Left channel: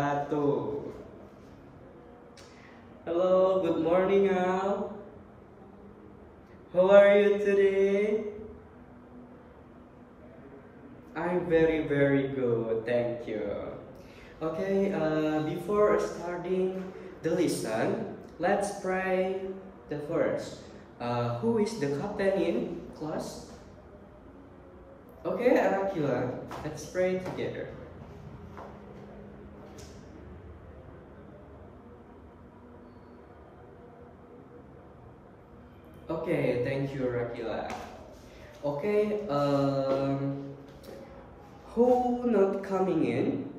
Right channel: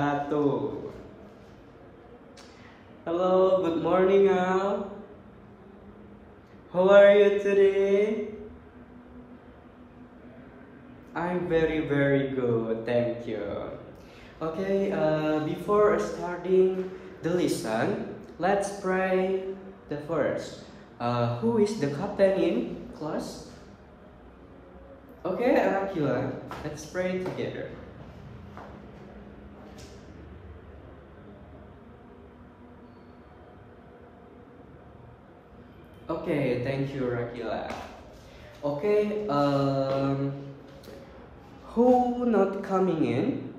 wabarakatuh. Hello, good morning all. How are you today? I'm very good, thank you. Okay, before starting the lesson, let's pray the first. Who is the captain in class? Okay, Arakila, let's pray together. Okay, thank you, Rakila. Okay, who not coming in?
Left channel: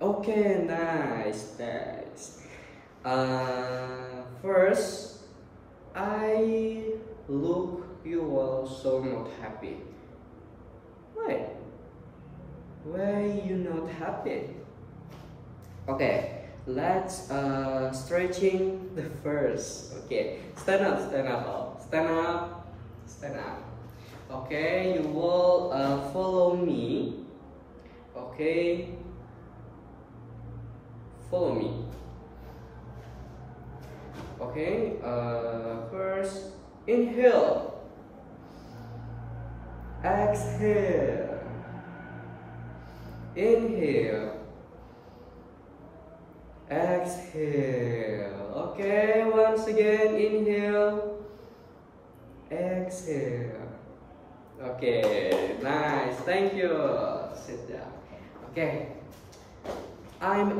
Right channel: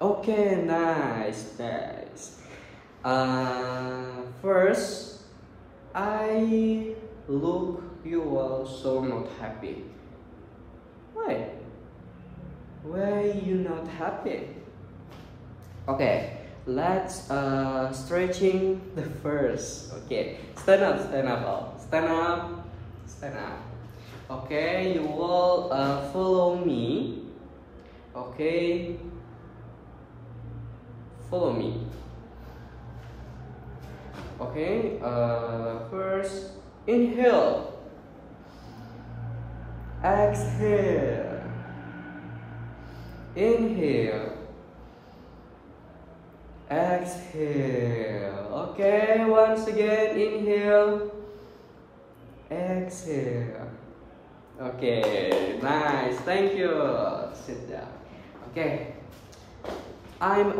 Okay, nice. First, I look you all so not happy. Why? Why you not happy? Okay, let's stretching the first. Okay, stand up all. Stand up. Okay, you will follow me. Okay, follow me. Okay, first inhale, exhale, inhale, exhale. Okay, once again, inhale, exhale. Okay, nice, thank you. Sit down. Okay, I'm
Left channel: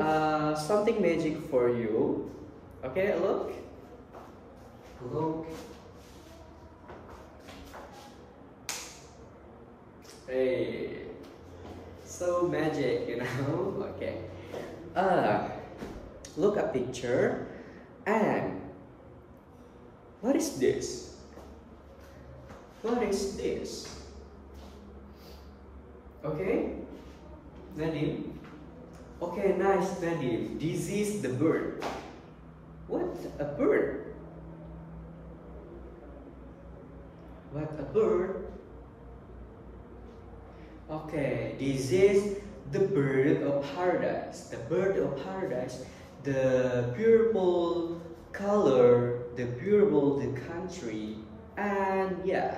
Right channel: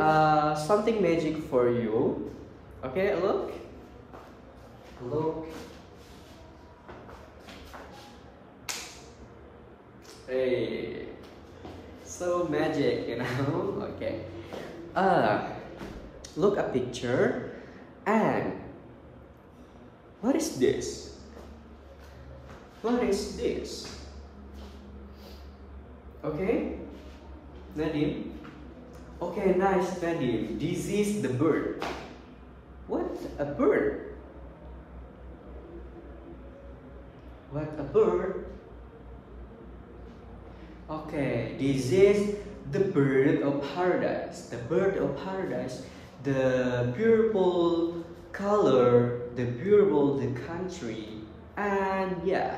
something magic for you. Okay, look. Hey, so magic, you know. Okay, look a picture, and what is this? What is this? Okay, Nadim. Okay, nice, Nadim. This is the bird. What a bird? What a bird? Okay, this is the bird of paradise. The bird of paradise, the beautiful color, the beautiful the country, and yeah.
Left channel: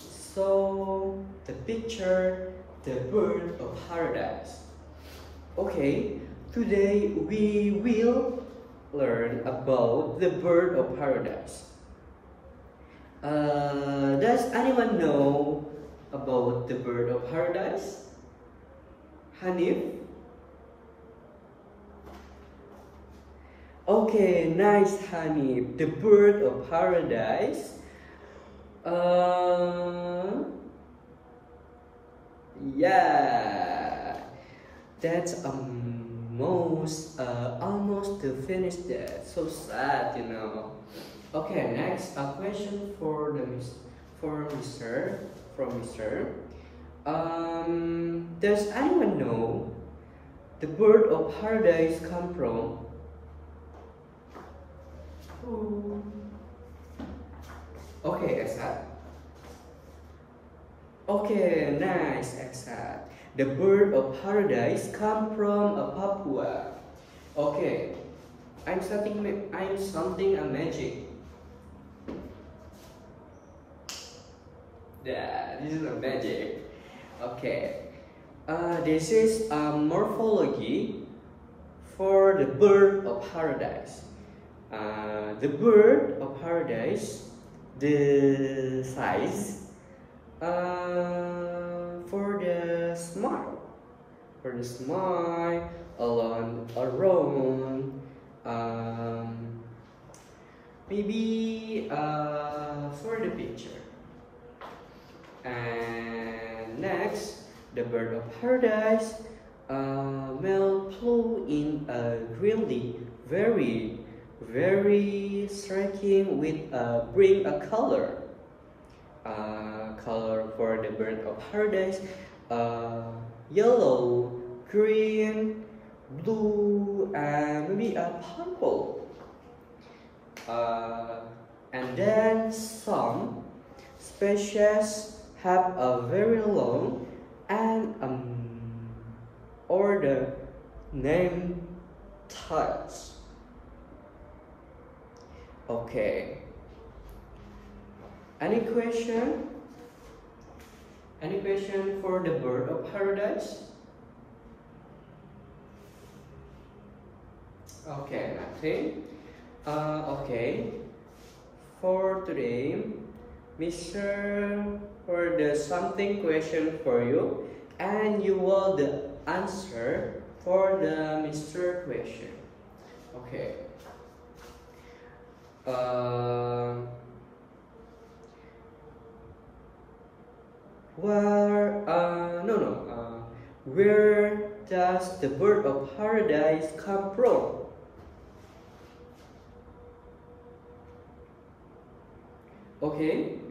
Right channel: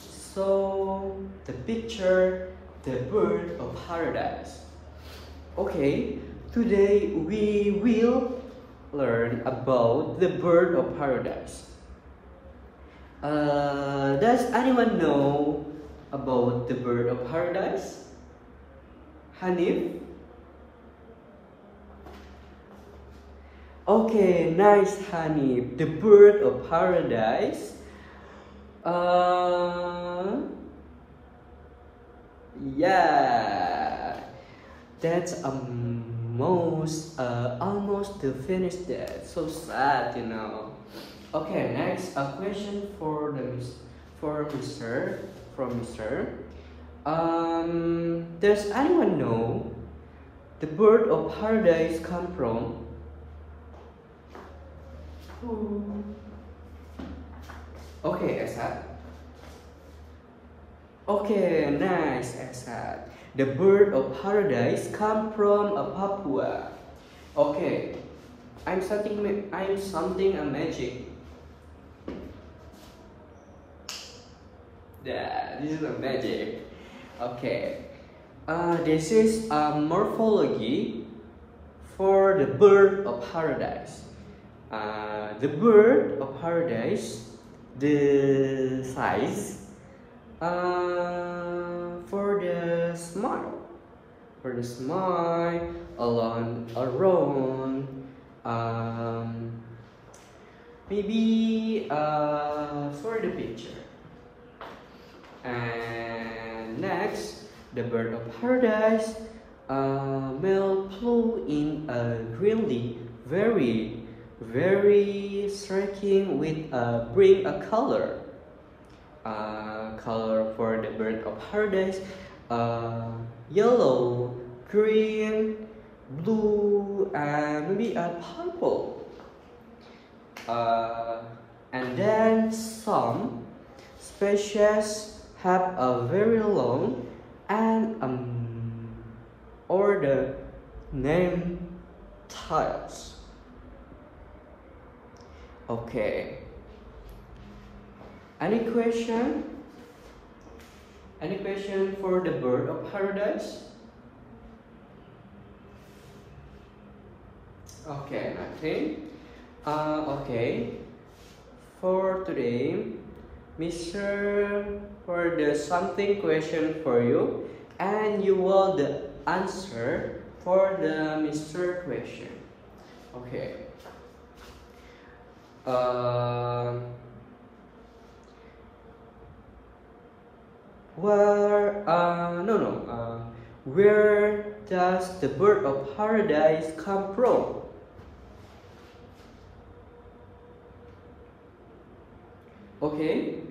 So the picture, the bird of paradise. Okay, today we will learn about the bird of paradise. Does anyone know about the bird of paradise? Hanif? Okay, nice, Hanif. The bird of paradise. Yeah, that's almost finished that. So sad, you know. Okay, next a question for Mr. Does anyone know the bird of paradise come from? Who? Okay, Esad. Okay, nice, Esad. The bird of paradise come from Papua. Okay, I'm something a magic. Yeah, this is a magic. Okay, this is a morphology for the bird of paradise. The bird of paradise, the size for the smile, around maybe for the picture. And next, the bird of paradise will flew in a really very striking with bring a color for the bird of paradise, yellow, green, blue, and maybe a purple. And then some species have a very long and name tiles. Okay. Any question? Any question for the bird of paradise? Okay, nothing. Okay. For today, Mr. for the something question for you, and you will the answer for the Mr. question. Okay. Where does the bird of paradise come from? Okay.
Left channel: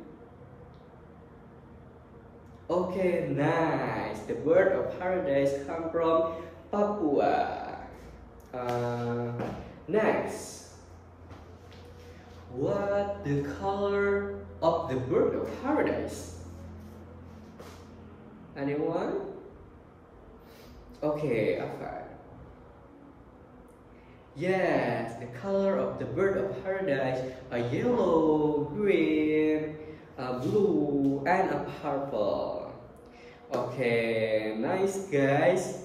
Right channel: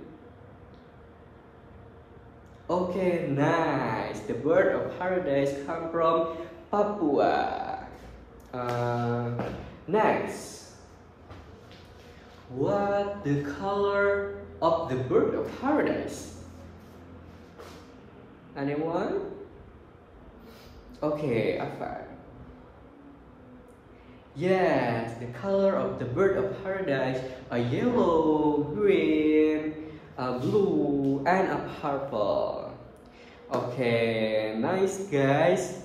Okay, nice. The bird of paradise come from Papua. Next. What the color of the bird of paradise? Anyone? Okay, Afar. Yes, the color of the bird of paradise are yellow, green, blue, and a purple. Okay, nice guys.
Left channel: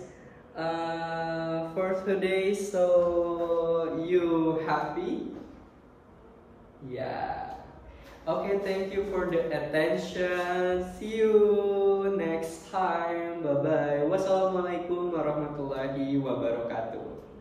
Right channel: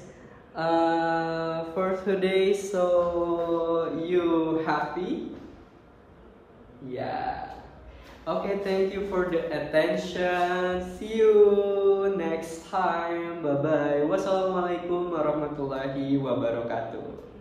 For today, so you happy? Yeah. Okay, thank you for the attention. See you next time. Bye bye. Wassalamualaikum warahmatullahi wabarakatuh.